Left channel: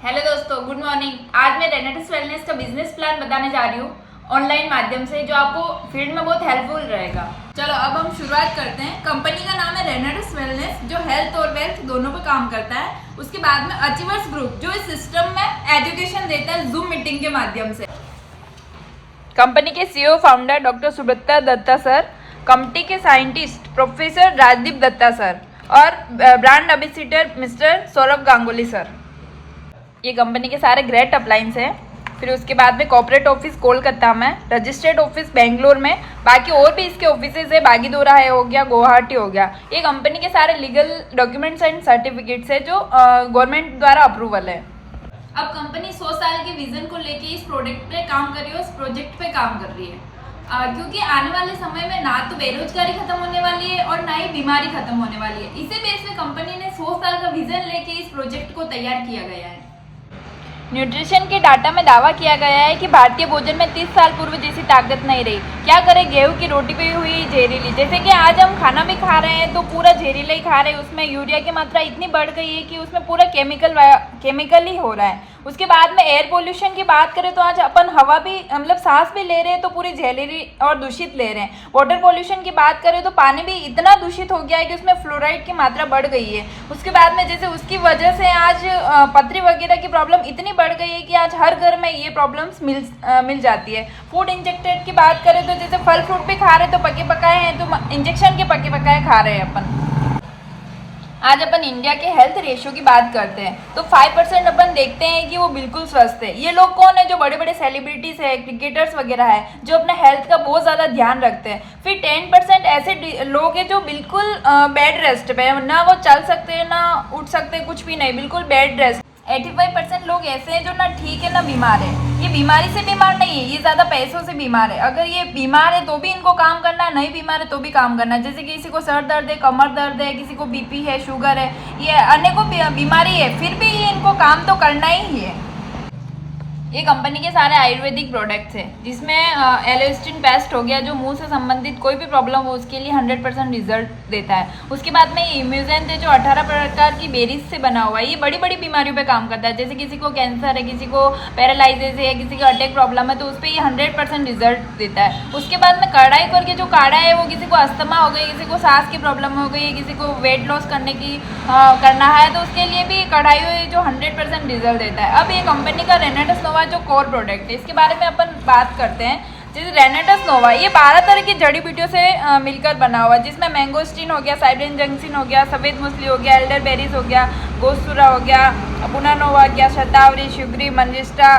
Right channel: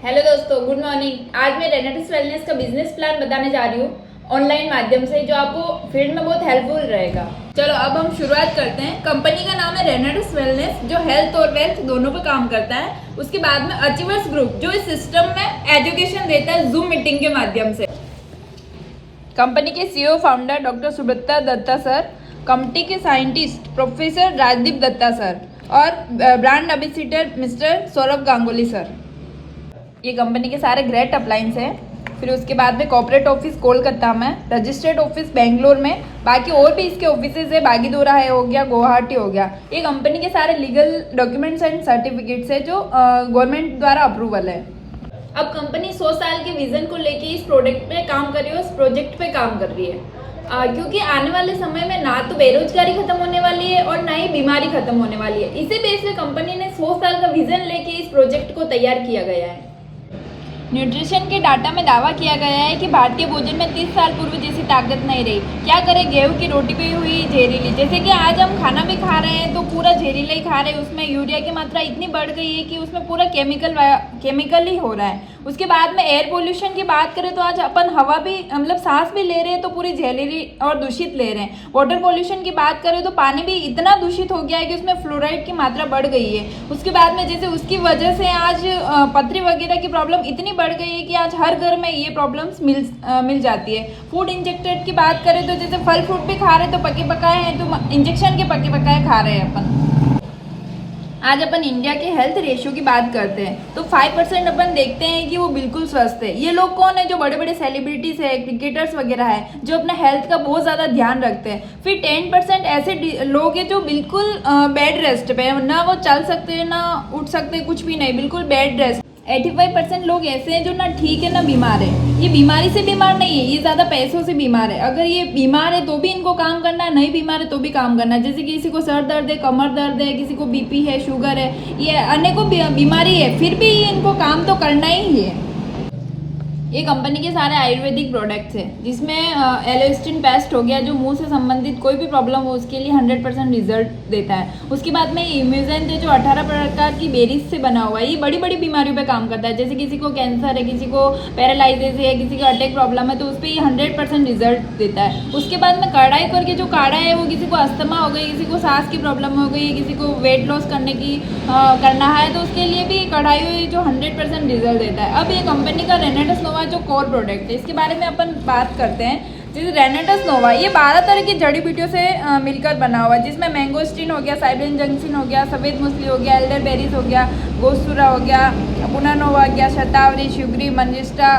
Hello दोस्तों, good morning. आज मैं रेनेटिस वेलनेस का बिजनेस प्लान बताने जा रही हूँ ऑनलाइन माध्यम से, जो आपको फील्ड में बहुत हेल्पफुल रहेगा। चलो अब हम शुरुआत करते हैं। कंपनी का नाम है रेनेटिस वेलनेस, जो हेल्थ और वेल्थ दोनों पे काम करता है। उसके बाद में अचीवर्स ग्रुप, जो इस सिस्टम में एजुकेशन देता है जूम मीटिंग के माध्यम से। कंपनी के CEO founder doctor Subrata Datta sir, company के scientist professor Rajdeep Datta sir और brand ambassador mister Sourav Ganguly sir. ये कंपनी के सारे ग्रेट अप्लायंस हैं। फिर उसके बाद में कॉर्पोरेट ऑफिस कोलकाता में, रजिस्टर्ड ऑफिस बेंगलोर में, बाकी और भी इसके ऑफिसेज है, बागीदोरा है हो गया, गुवाहाटी हो गया। ये कंपनी के सारे लीगल डॉक्यूमेंट्स एंड सर्टिफिकेट्स है जो गवर्नमेंट द्वारा अप्रूवल है। अब कंपनी 100 साल के विजन को लेके इस प्रोडक्ट पे काम कर रही है, इस प्रोजेक्ट पे काम कर रही है। क्योंकि आने वाले समय में ना तो बेरोजगारी खत्म होने वाली है और ना ही बीमारी खत्म होने वाली है। इसी बेस पे कंपनी ने 100 साल का विजन लेके इस प्रोजेक्ट को तैयार किया गया है। न्यूट्रिशन के डाटा में दावा किया गया है कि भारतीय भोजन में 30 साल पूर्व जैसी ताकत नहीं रही। क्या करें, गेहूं की रोटी पे हुई जहरीली। जैसे कि आज हम खाना भी खा रहे हैं तो पूरा जहरीला ही खा रहे हैं। उसमें यूरिया की मात्रा इतनी बढ़ गई है कि उसमें पूरा केमिकल ही हो रहा है। उसके बाद में एयर पोल्यूशन की बात करें तो आज अपन हवा भी मतलब सांस भी ले रहे हैं तो पूरी जहरीली और दूषित ले रहे हैं। वाटर पोल्यूशन की बात करें तो पानी भी इतना दूषित हो गया है कि उसमें फ्लोराइड की मात्रा बढ़ गई है। उसके बाद में जैसे उसकी वजह से आज पथरी वगैरह की प्रॉब्लम इतनी बढ़ गई है कि आज हर घर में ये प्रॉब्लम्स मिल जाती है। फूड इंजेक्टेड की बात करें तो जैसे फल फ्रूट भी खा रहे हैं तो पके पकाए हैं, तो इंजेक्शन के पके पकाए खा रहे हैं अपन। आज अपन इंडिया के हेल्थ रेशियो की बात करते हैं तो 5% अपन देखते हैं कि वो बिल्कुल स्वस्थ है। ये लोग कौन है? जो बड़े बड़े सेलिब्रिटीज है, क्रिकेटर्स वगैरह है, जो अपना हेल्थ का बहुत ज़्यादा ध्यान रखते हैं। फिर 10% ऐसे लोग हैं जो बिल्कुल बेड रेस्ट पे है, ना वो चल सकते हैं ना उठ सकते, कुछ भी नहीं, बिल्कुल बेड रेस्ट। 85% लोग ऐसे हैं जो ना ठीक है ना बीमार है। ये बीमारी से बीमार नहीं है, ये ज़्यादा पैसों से बीमार है। अगर ये बीमार है तो भी इनको काम करना है, नहीं बीमार है तो भी काम करना है। जैसे कि किसी को सर दर्द है, कमर दर्द है, किसी को बीपी है, शुगर है, ये अनेकों बीमारी है, फिर भी इनको काम तो करना ही है। ये कंपनी के सारे आयुर्वेदिक प्रोडक्ट्स हैं, जिसमें एलोस्टिन पेस्ट हो गया, जो मुंह से संबंधित कोई भी प्रॉब्लम हो उसके लिए 100% रिजल्ट देता है। उसके बाद में ये इम्यूजेंट है, जो 18 प्रकार की बेरीज से बना हुआ है। ये बड़ी बड़ी बीमारियों पे काम करता है। जैसे किसी को कैंसर है, किसी को पैरालाइसिस है, किसी को अटैक प्रॉब्लम है, तो उस पर ये 100% रिजल्ट देता है। उसके बाद में कढ़ाई करके जो काढ़ा है, वो किसी को अस्थमा हो गई, किसी को सांस की प्रॉब्लम हो गई, किसी को वेट लॉस करना है, तो उसके लिए भी कढ़ाई जो 100% रिजल्ट देता है। अब ये कंपनी का रेनेटिस नोवा जो कोर प्रोडक्ट है, इसके बारे में अपन बात करते हैं। जैसे रेनेटिस नोवा, ये 12 तरह की जड़ी बूटियों से मिलकर बना हुआ है, जिसमें मैंगोस्टीन हो गया, साइड्रिन जंक्सिन हो गया, सफ़ेद मूसली हो गया, एल्डर बेरीज हो गया, गोस्तुरा हो गया, पुनानोवा हो गया, शतावरी, शिवरी, मंजिष्टा,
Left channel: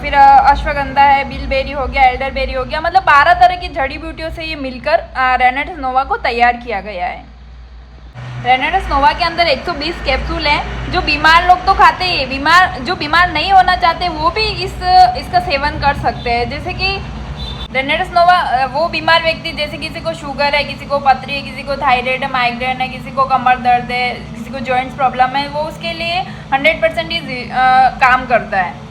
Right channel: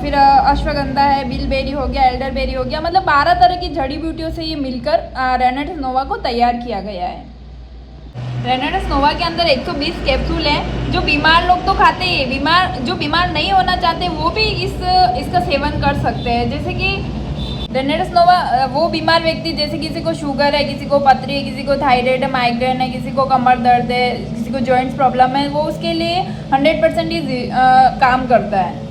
फिर अश्वगंधा है, बिलबेरी हो गया, एल्डर बेरी हो गया। मतलब 12 तरह की जड़ी बूटियों से ये मिलकर रेनेटिस नोवा को तैयार किया गया है। रेनेटिस नोवा के अंदर 120 कैप्सूल हैं, जो बीमार लोग तो खाते हैं, जो बीमार नहीं होना चाहते वो भी इसका सेवन कर सकते हैं। जैसे कि रेनेटिस नोवा वो बीमार व्यक्ति, जैसे किसी को शुगर है, किसी को पथरी है, किसी को थायराइड है, माइग्रेन है, किसी को कमर दर्द है, किसी को जॉइंट्स प्रॉब्लम है, वो उसके लिए 100% ही काम करता है।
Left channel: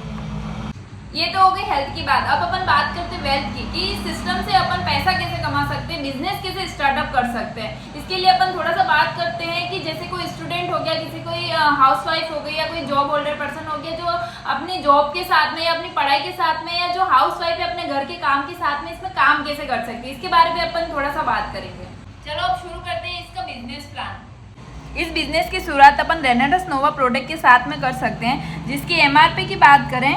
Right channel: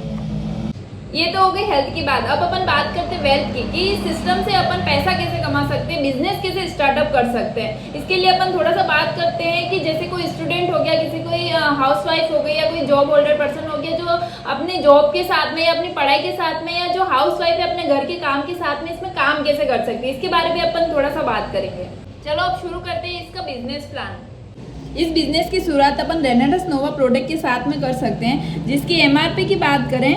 ये तो हो गई हेल्थ की बात। अब अपन बात करते हैं वेल्थ की, कि इस सिस्टम से अपन पैसा कैसे कमा सकते हैं, बिजनेस कैसे स्टार्टअप कर सकते हैं। इसके लिए अपन थोड़ा सा बात करते हैं कि जैसे कोई स्टूडेंट हो गया, किसी कोई हाउसवाइफ हो गई, या कोई जॉब होल्डर पर्सन हो गया, जो अपने जॉब के साथ में या अपनी पढ़ाई के साथ में, या जो हाउसवाइफ है अपने घर के काम के साथ में इसमें काम कैसे कर सकती है, इसके बारे में अपन थोड़ा सा बात करेंगे। चलो अब शुरू करते हैं इसका बिजनेस प्लान। इस बिजनेस की शुरुआत अपन रेनेटिस नोवा प्रोडक्ट के साथ में कर सकते हैं, जिसकी MRP की बात करें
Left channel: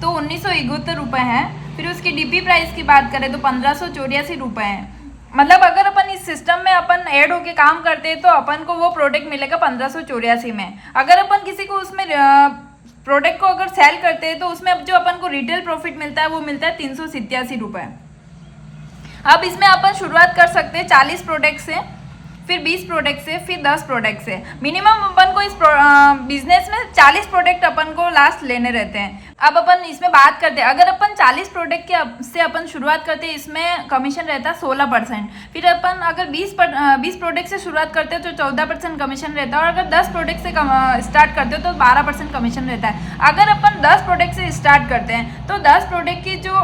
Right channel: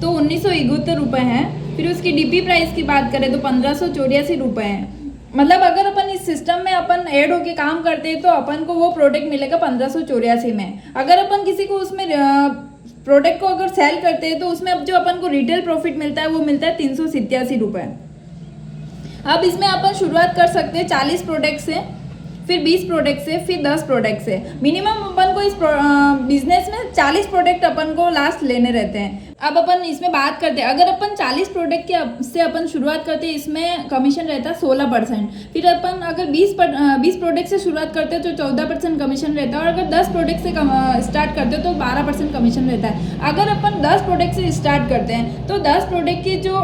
तो 1971 रुपये हैं। फिर उसकी DP प्राइस की बात करें तो 1584 रुपये हैं। मतलब अगर अपन इस सिस्टम में अपन ऐड होके काम करते हैं तो अपन को वो प्रोडक्ट मिलेगा 1584 में। अगर अपन किसी को उसमें प्रोडक्ट को अगर सेल करते हैं तो उसमें अब जो अपन को रिटेल प्रॉफिट मिलता है वो मिलता है 387 रुपये। अब इसमें अपन शुरुआत कर सकते हैं 40 प्रोडक्ट से, फिर 20 प्रोडक्ट से, फिर 10 प्रोडक्ट से। मिनिमम अपन को इस बिजनेस में 40 प्रोडक्ट अपन को लास्ट लेने रहते हैं। अब अपन इसमें बात करते हैं, अगर अपन 40 प्रोडक्ट से अपन शुरुआत करते हैं, इसमें कमीशन रहता है 16%। फिर अपन अगर 20 प्रोडक्ट से शुरुआत करते हैं तो 14% कमीशन रहता है, और अगर 10 प्रोडक्ट से स्टार्ट करते हो तो 12% कमीशन रहता है। अगर अपन 10 प्रोडक्ट से स्टार्ट करते हैं तो 10 प्रोडक्ट की जो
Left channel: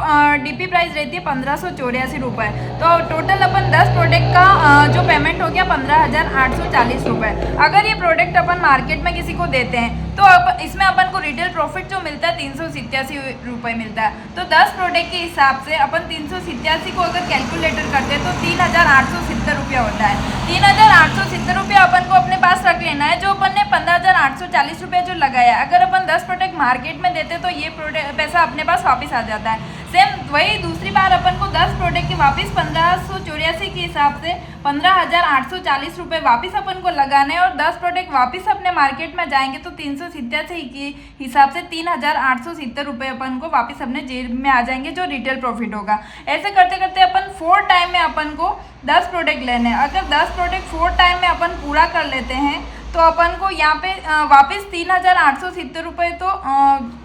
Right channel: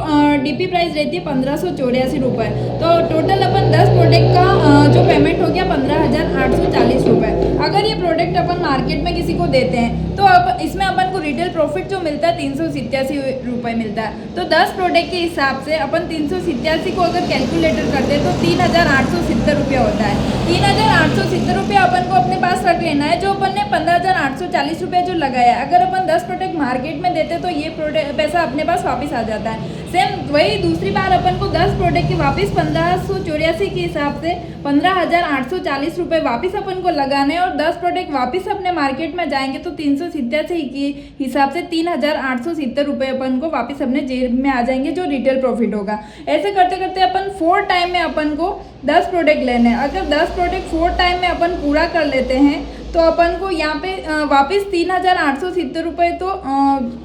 DP प्राइस रहती है 1584 रुपये। तो टोटल अपन 10 प्रोडक्ट का जो पेमेंट हो गया 15,840 रुपये। अगर ये प्रोडक्ट अपन मार्केट में किसी को देते हैं तो अब इसमें अपन को रिटेल प्रॉफिट जो मिलता है 387 रुपये मिलता है। तो 10 प्रोडक्ट के हिसाब से अपन 387 को अगर कैलकुलेटर करते हैं तो 3870 रुपया होता है। 3870 रुपया अपन को अपने पास रख लेना है। जो अपन ने 15,840 रुपया जो लगाया, अगर अपन 10 प्रोडक्ट मार्केट में देते तो ये पैसा अपने पास वापस आ जाता है। सेम वही दूसरी बार अपन को 10 प्रोडक्ट के वापस 1584 के हिसाब से 15,840 रुपये वापस अपन को लगाना है और 10 प्रोडक्ट वापस अपने मार्केट में जाएंगे तो 387 के हिसाब से 3,870 रुपये अपन को वापस अपने जेब में आ जाएंगे, जो रिटेल प्रॉफिट होगा। ऐसे करते करते अपन 4 टाइम में अपन को 10 प्रोडक्ट लेने हैं। अगर 10 प्रोडक्ट 4 टाइम में अपन पूरा कर लेते हैं तो अपन को यहाँ पे वापस 3,870 रुपये तो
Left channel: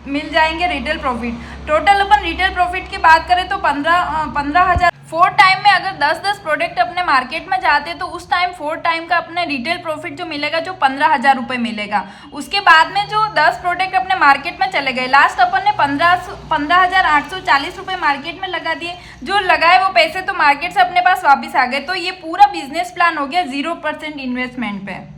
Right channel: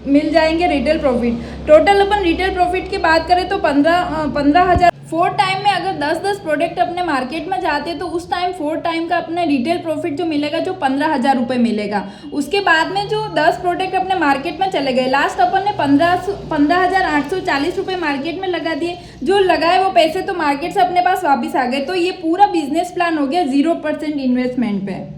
मिल जाएंगे रिटेल प्रॉफिट। टोटल अपन रिटेल प्रॉफिट की बात करें तो 15,000। 4 टाइम में अगर 10-10 प्रोडक्ट अपने मार्केट में जाते हैं तो उस टाइम 4 टाइम का अपने रिटेल प्रॉफिट जो मिलेगा जो 15,000 रुपये मिलेगा। उसके बाद में जो 10 प्रोडक्ट अपने मार्केट में चले गए, लास्ट अपन ने 15,840 रुपये मार्केट में लगा दिए। जो लगाए वो पैसे तो मार्केट से अपने पास वापस आ गए। तो ये पूरा बिजनेस प्लान हो गया 0% इन्वेस्टमेंट पे।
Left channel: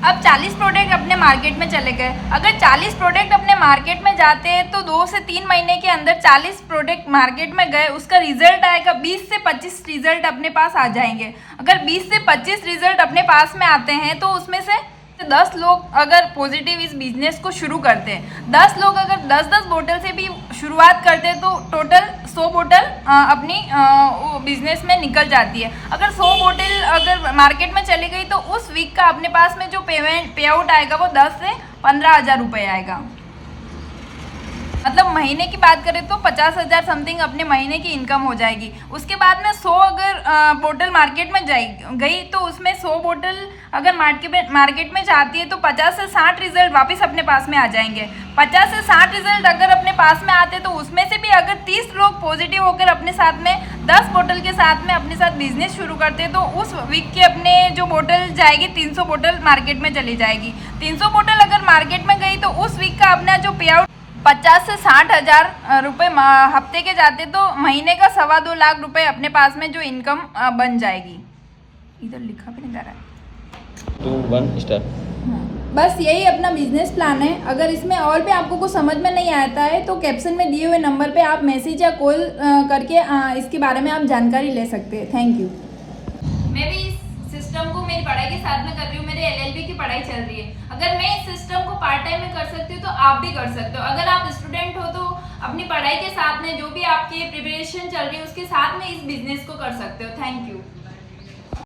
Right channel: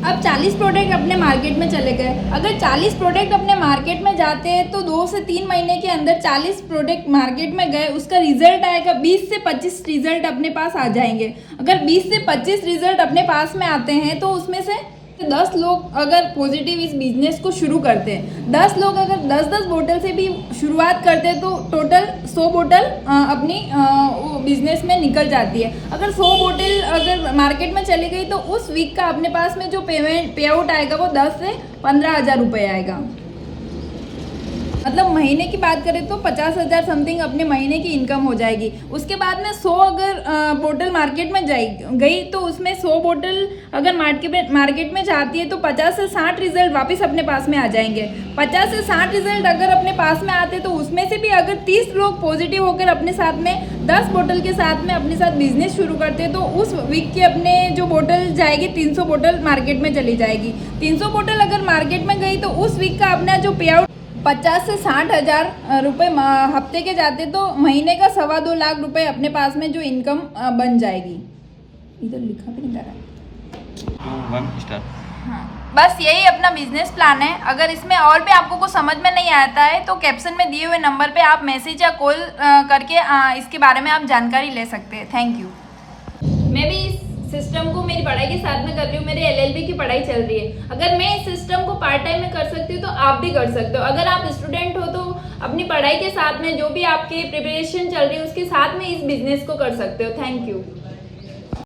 अब 40 प्रोडक्ट अपने मार्केट में चले गए। अगर 40 प्रोडक्ट अपने मार्केट में जाते हैं तो 2 से 3 महीने के अंदर 40 प्रोडक्ट मार्केट में गए, उसका रिजल्ट आएगा 20 से 25 रिजल्ट अपने पास आ जाएंगे। अगर 20 से 25 रिजल्ट अपने पास में आते हैं तो उसमें से 10 लोग अगर पॉजिटिव इस बिजनेस को शुरू करते हैं, 10 लोग अगर 10-10 बोतल से भी शुरुआत करते हैं तो टोटल 100 बोतल अपनी बिजनेस में निकल जाती है। अगर 100 बोतल अगर मार्केट में चली गई तो उस वीक का अपने पास में जो पे आउट आएगा वो 10 से 15,000 रुपये आएगा। मतलब महीने की बात करें तो 50,000 समथिंग अपने महीने की इनकम हो जाएगी। उसके बाद में 100 अगर बोतल मार्केट में गई तो उसमें 100 बोतल अगर मार्केट में जाती है तो 50 से 60 रिजल्ट वापस अपने पास में आ जाएंगे। 50 से 60 रिजल्ट अगर अपने पास में आते तो उसमें से भी अगर 30 लोग पॉजिटिव होकर अपने साथ में 10 बोतल के साथ में अपने साथ बिजनेस शुरू करते तो उस वीक के अपने जो बोतल जाएगी 300 बोतल मार्केट में चली जाएगी। 300 बोतल अगर मार्केट में गई तो उस वीक का अपना जो पे आउट 50 से 60,000 रुपये हफ्ते के जाते तो महीने का 2.25 लाख रुपए अपने पास में जो इनकम बन जाएगी। इधर लिखा भी नहीं जा रहा है। 2 1 स्टार। हाँ, बस यही अपना बिजनेस प्लान है। अगर इसमें और भी आपको कुछ समझ में नहीं आता है तो कैप्शन में दिए हुए नंबर पे आप मैसेज या कॉल करके इसके बारे में आप जानकारी ले सकते हैं। Thank you. मैं भी सिस्टम को मेरी पढ़ाई के साथ में कर रही हूँ। मेरी LLB की पढ़ाई चल रही है। अगर मैं इस सिस्टम को पार्ट टाइम में कर सकती हूँ तो आप भी कर सकते हो। अगर आप स्टूडेंट हो तो अपनी पढ़ाई के साथ में जो भी आपकी प्रिपरेशन चल रही है उसके साथ में इस बिजनेस को कर सकते हो। Thank you.